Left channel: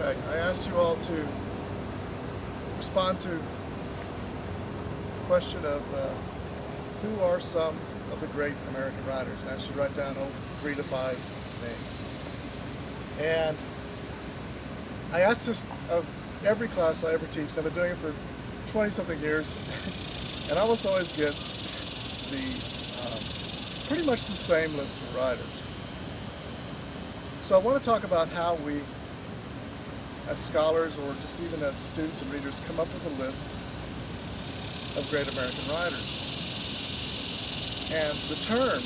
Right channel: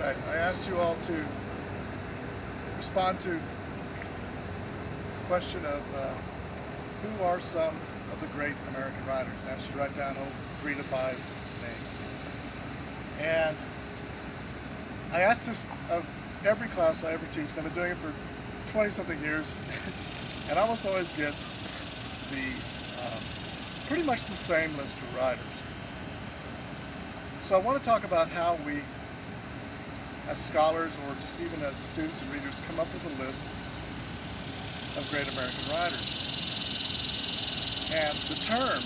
right, I asked you all to respond to the question of who are some of the great American writers. I asked you to write down 3 to 5 names. And I asked this of every class I ever teach. I've been doing it for 20-something years, and I almost always get the pretty much the same list of writers. So I want to talk about how we, as scholars or just even as students and readers, come up with a list of great American writers. And the term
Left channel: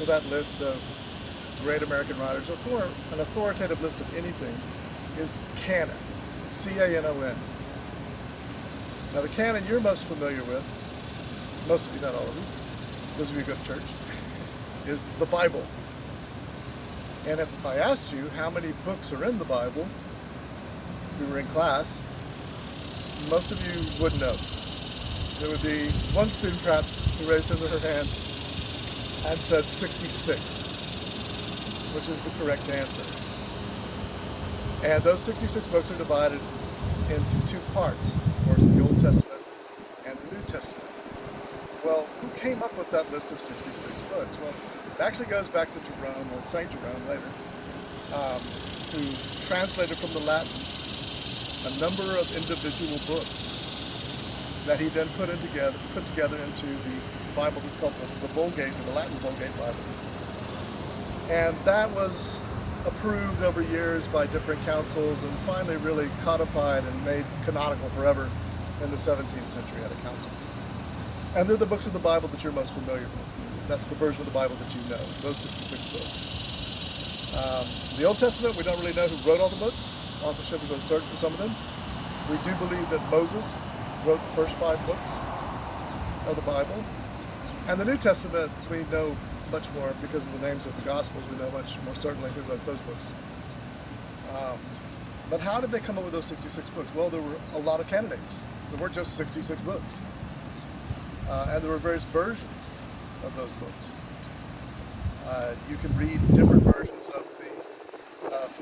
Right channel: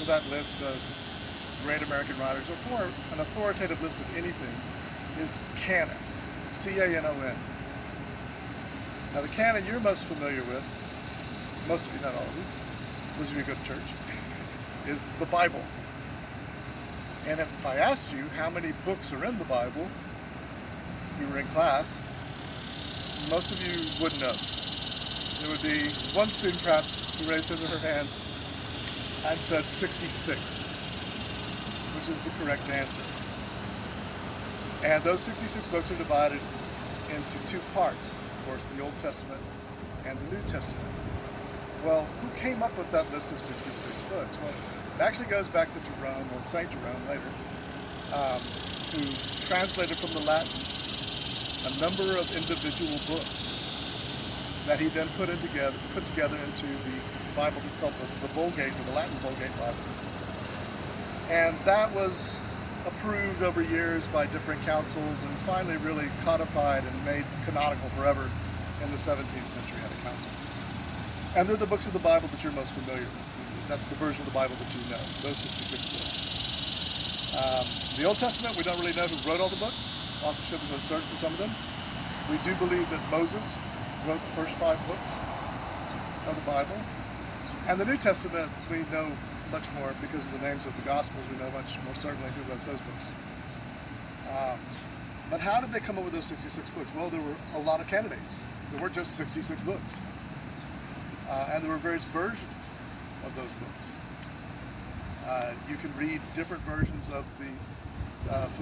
for that list of great American writers, or for an authoritative list of anything, is canon. C-A-N-O-N. Now the canon you're most familiar with, most of you, not all of you, those of you who go to church, is the Bible. And if I asked you how many books are in the Bible, if you were in class, most of you wouldn't know. There would be one student perhaps who raised his or her hand and said 66, which is the correct answer. And those 66 books are divided into 2 parts, of course, the Old Testament and the New Testament. Well, who came up with that list of 66 books? Well, it actually goes back to Jerome, or St. Jerome later, who translated from the Latin a number of individual books that he then put together into the Bible that's called the Vulgate, or the Latin Vulgate Bible. And that was approved over years by different councils and finally really codified and made canonical forever in the 17th century at a council. And they're the books of the Bible that you're most familiar with. That's the version of the Bible that you know, those 66 books. The Old Testament, we don't really know who wrote all the books. Authorship is uncertain for some of them. We do believe that Moses wrote the first 5 books of the Bible. And the New Testament, we know much more because of the names of the Gospels. We know much more certainly who wrote those books. But how did they come up with those 66 books? Well, there were a lot of candidates. There weren't just 66 books. And there were various versions of those books. You can read different versions of the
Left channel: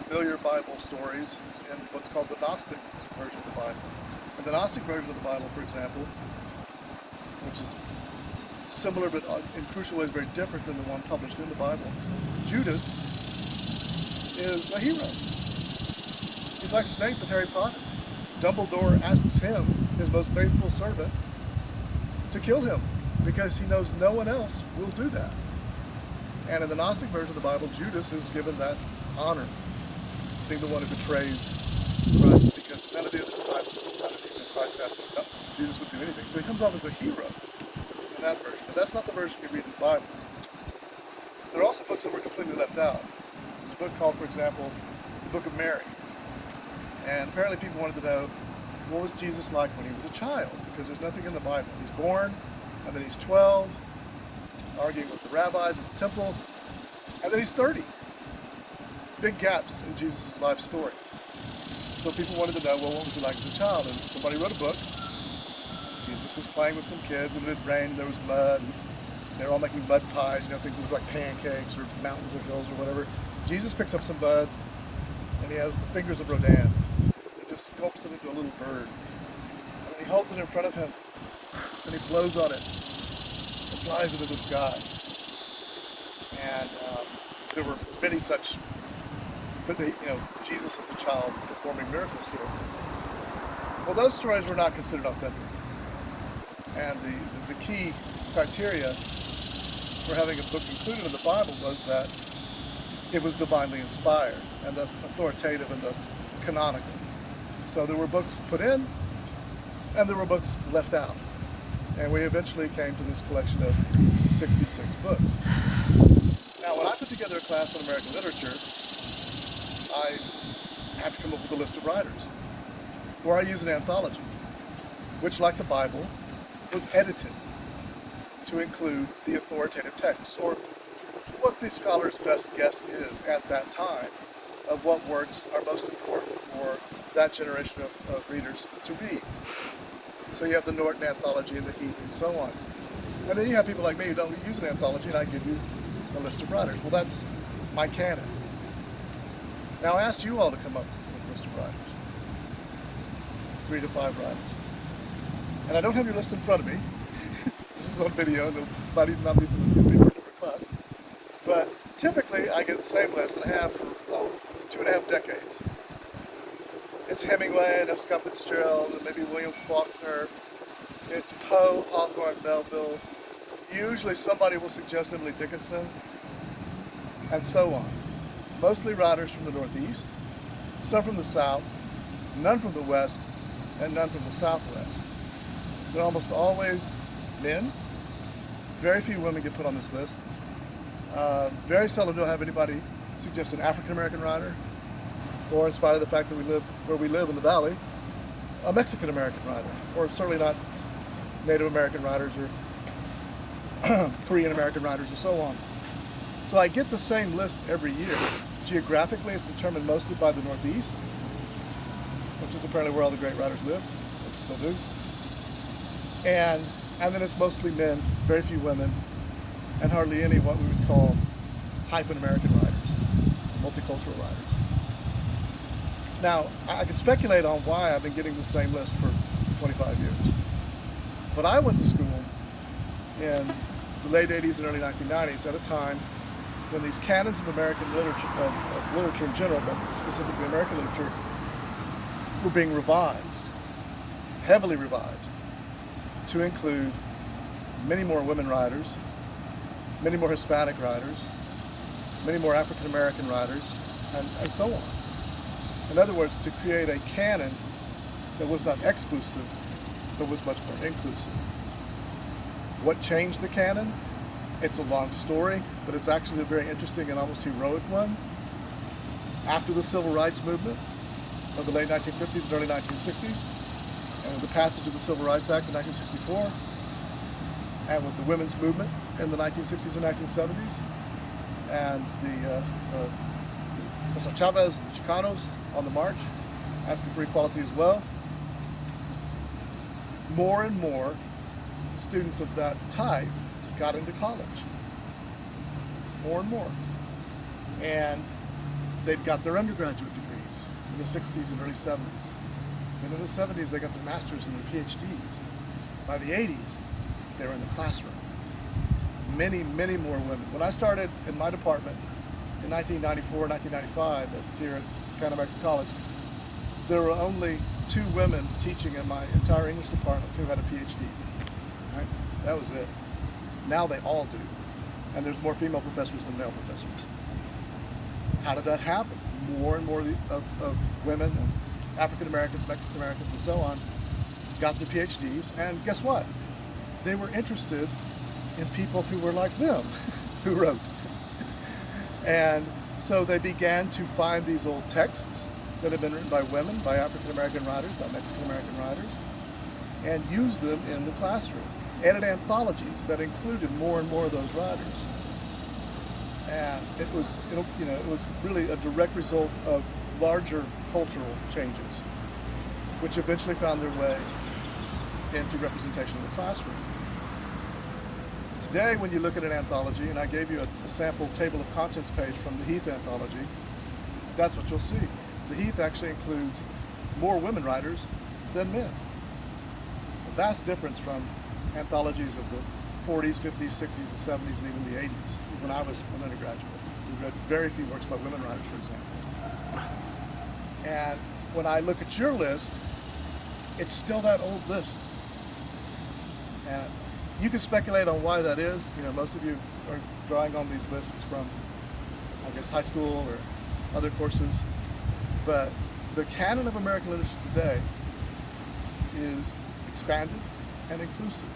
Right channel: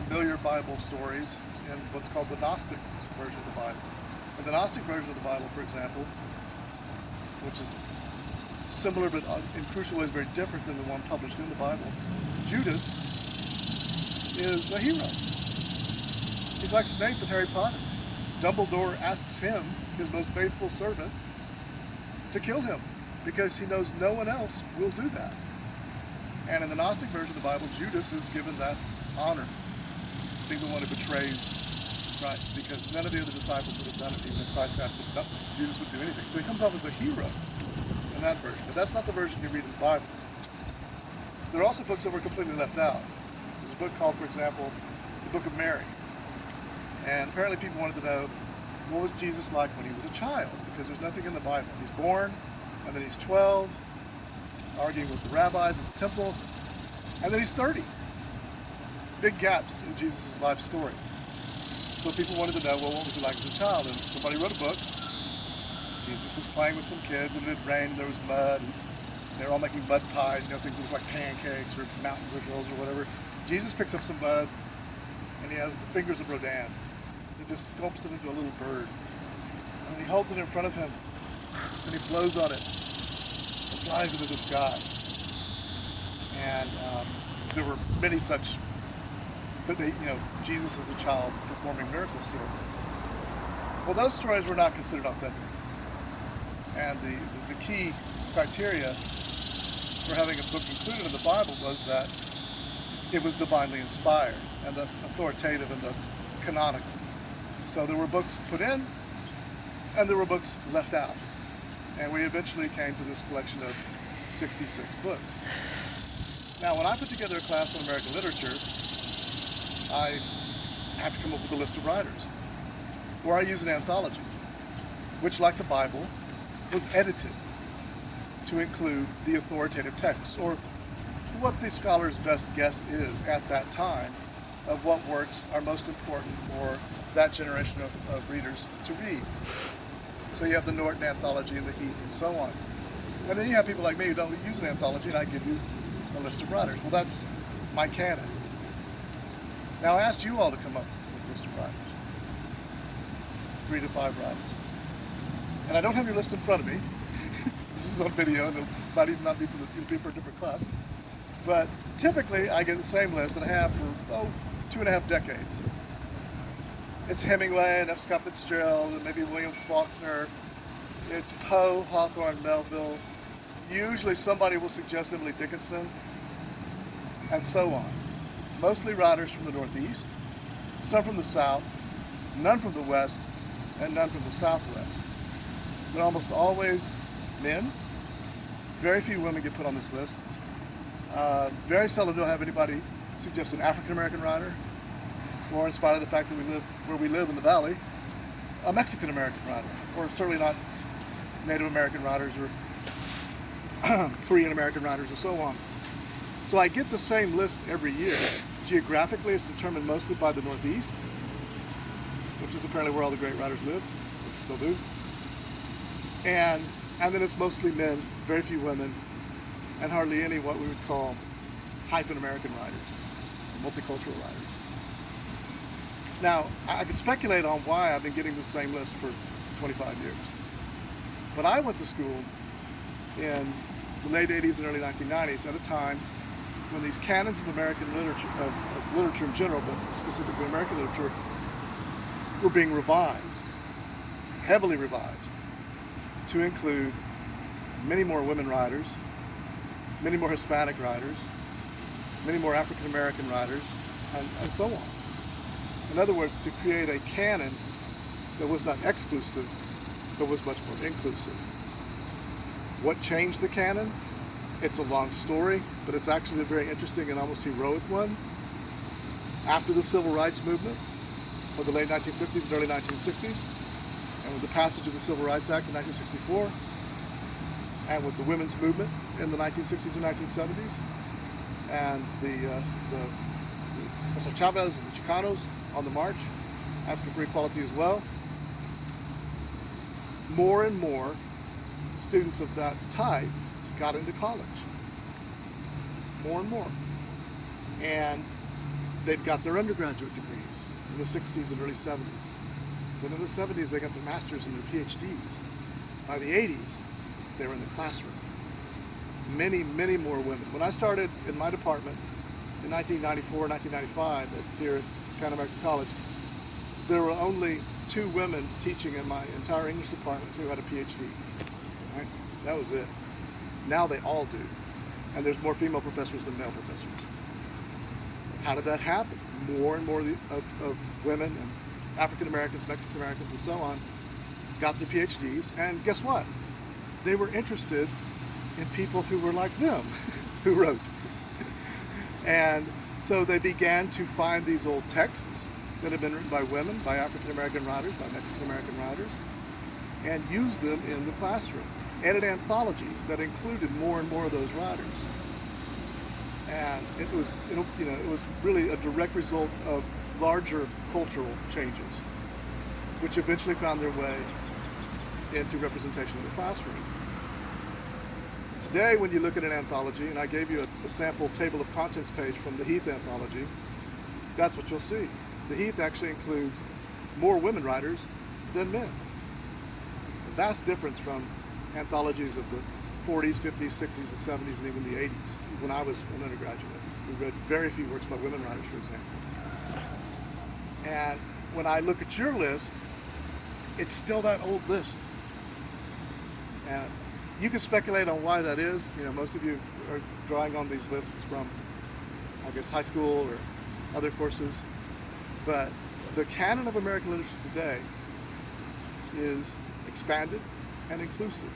familiar Bible stories in what's called the Gnostic version of the Bible. And the Gnostic version of the Bible, for example, which is similar but in crucial ways very different than the one published in the Bible, Judas is a hero. He's like Snape with Harry Potter. Dumbledore asks him, his most faithful servant, to kill him because he knows no one else will do that. And in the Gnostic version of the Bible, Judas is given that honor, being the one who betrays Christ, because none of the other disciples would have done it, even Christ asked him, Jesus would do anything. So he comes off as a hero in that version, but that's not the version you read in the Bible. There are also books that were completely left out. There's a book called, for example, the Book of Mary. And apparently people wanted to know, what was Jesus like when he was a child? Because there's nothing in the Bible. He's born, and then he's 12, arguing with the rabbis at the temple, and then he's 30. Big gaps in Jesus' life story. So people wanted to know, well, what was he like as a child? And somebody wrote a book. Jesus was playing with some kids, and it had rained, there was mud, and they were all making mud pies, things that look like pancakes or mountains or hills or whatever. Jesus picks up some mud, and he has the fingers of Rodin. He just sculpts it into a little bird. And he holds it in front of him, and he blows on it, and flies into the sky. And there were many such, but Jesus as a child performing miracles here. Well, those stories were not considered authentic. And the key criteria for having a book included in the Bible was that it was divinely inspired, and thus authoritative, and thus canonical. So there were books put in, and there were books left out. And we eventually came to this collection of 66 books. Now, when I put together a class on American literature, I have to come up with a list of writers. Or I use an anthology, which, like the Bible, was edited to include the authoritative texts, or what the scholar's best guess is at that time of what works are most important for that generation of readers to read. So you have the Norton Anthology and the Heath and so on. And then you have people like me who don't use an anthology, and I give you a list of writers. Well, that's my canon. Now I asked you all to come up with list of writers. 3 to 5 writers. And I don't have your list in front of me. This is on video, and it might even not be for a different class. But typically, I get the same list and I have for 2.5 decades. It's Hemingway, and F. Scott Fitzgerald, and maybe William Faulkner. It's Poe, Hawthorne, Melville. Usually somebody will suggest Emily Dickinson, and so on. Mostly writers from the Northeast, some from the South, none from the West, and none from the Southwest. They're almost always men. Very few women get put on this list. Very seldom do I have anybody suggest an African American writer, or in spite of the fact that we live where we live in the Valley, a Mexican American writer, or certainly not Native American writers or Korean American writers, and so on. So I get the same list every year. Geographically, it's determined mostly by the Northeast, which is apparently where all the great writers live, still do. And then it's mostly men, very few women, and hardly any what we would call hyphen American writers, multicultural writers. Now, I could speculate on why I've been getting the same list for 25 years. But I went to school in the late 80s and early 1990s at a time when these canons of American literature, of literature in general, but specifically American literature, were being revised, heavily revised, to include many more women writers, many more Hispanic writers, many more African American writers, and so on. In other words, to create a canon that was not exclusive, but was much more inclusive. What changed the canon? It's a long story, but it's actually a very interesting and almost heroic one. After the Civil Rights Movement of the late 1950s and early 1960s, and with the passage of the Civil Rights Act in 1964, and with the women's movement in the 1960s and 1970s, and the Chavez and the Chicanos on the march, asking for equality as well, more and more students of that type got into college. More and more. And they've got their undergraduate degrees in the 60s and early 70s. Then in the 70s, they got their masters and their PhDs. By the 80s, they were in the classroom. Many, many more women. When I started in my department in 1994, 1995 here at Pan American College, there were only 2 women teaching in my entire English department who had a PhD. Right? That was it. Now they all do. And there's more female professors than male professors. How did that happen? More and more of women, and African Americans, Mexican Americans, and so on, got the PhDs. And guess what? They were interested in people who were like them, who wrote. And so they began to find these old texts that had been written by women, by African American writers, by Mexican American writers, and use them in the classroom. Edit anthologies that included more and more of those writers. And it was really a direct result of larger cultural changes, which eventually found their way into representation in the classroom. Today, when you look at an anthology, and I gave you a sample table of contents page from the Heath anthology, that's what you'll see. The Heath actually includes more women writers than men. A vast difference from anthologies of the 40s, 50s, 60s, and 70s, and even the 80s, when I was an undergraduate. We read very few works by women writers, for example. And when I look at your list, it's still that old list. And you can speculate on why that is. Most of you are drawing on these lists from, I guess, high school or other courses. But the canon of American literature today is expanded and inclusive.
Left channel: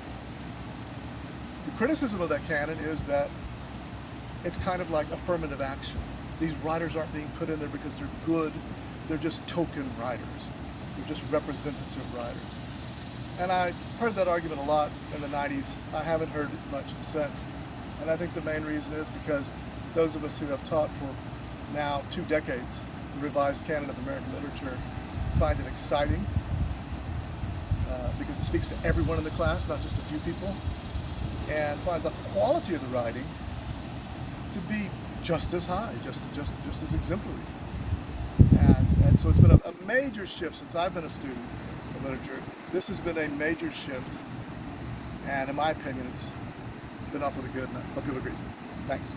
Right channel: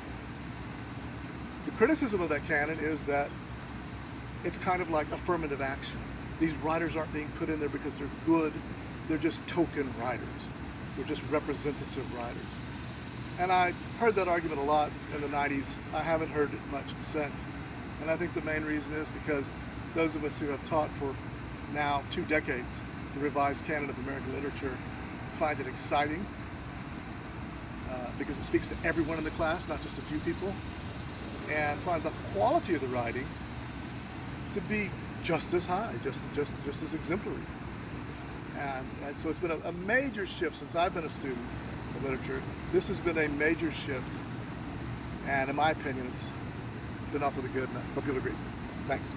The criticism of that canon is that it's kind of like affirmative action. These writers aren't being put in there because they're good. They're just token writers. They're just representative writers. And I heard that argument a lot in the 90s. I haven't heard it much since. And I think the main reason is because those of us who have taught for now 2 decades the revised canon of American literature find it exciting because it speaks to everyone in the class, not just a few people, and find the quality of the writing to be just as high, just as exemplary. And so it's been a major shift since I've been a student of literature. This has been a major shift, and in my opinion, it's been off with a good, and I hope you'll agree. Thanks.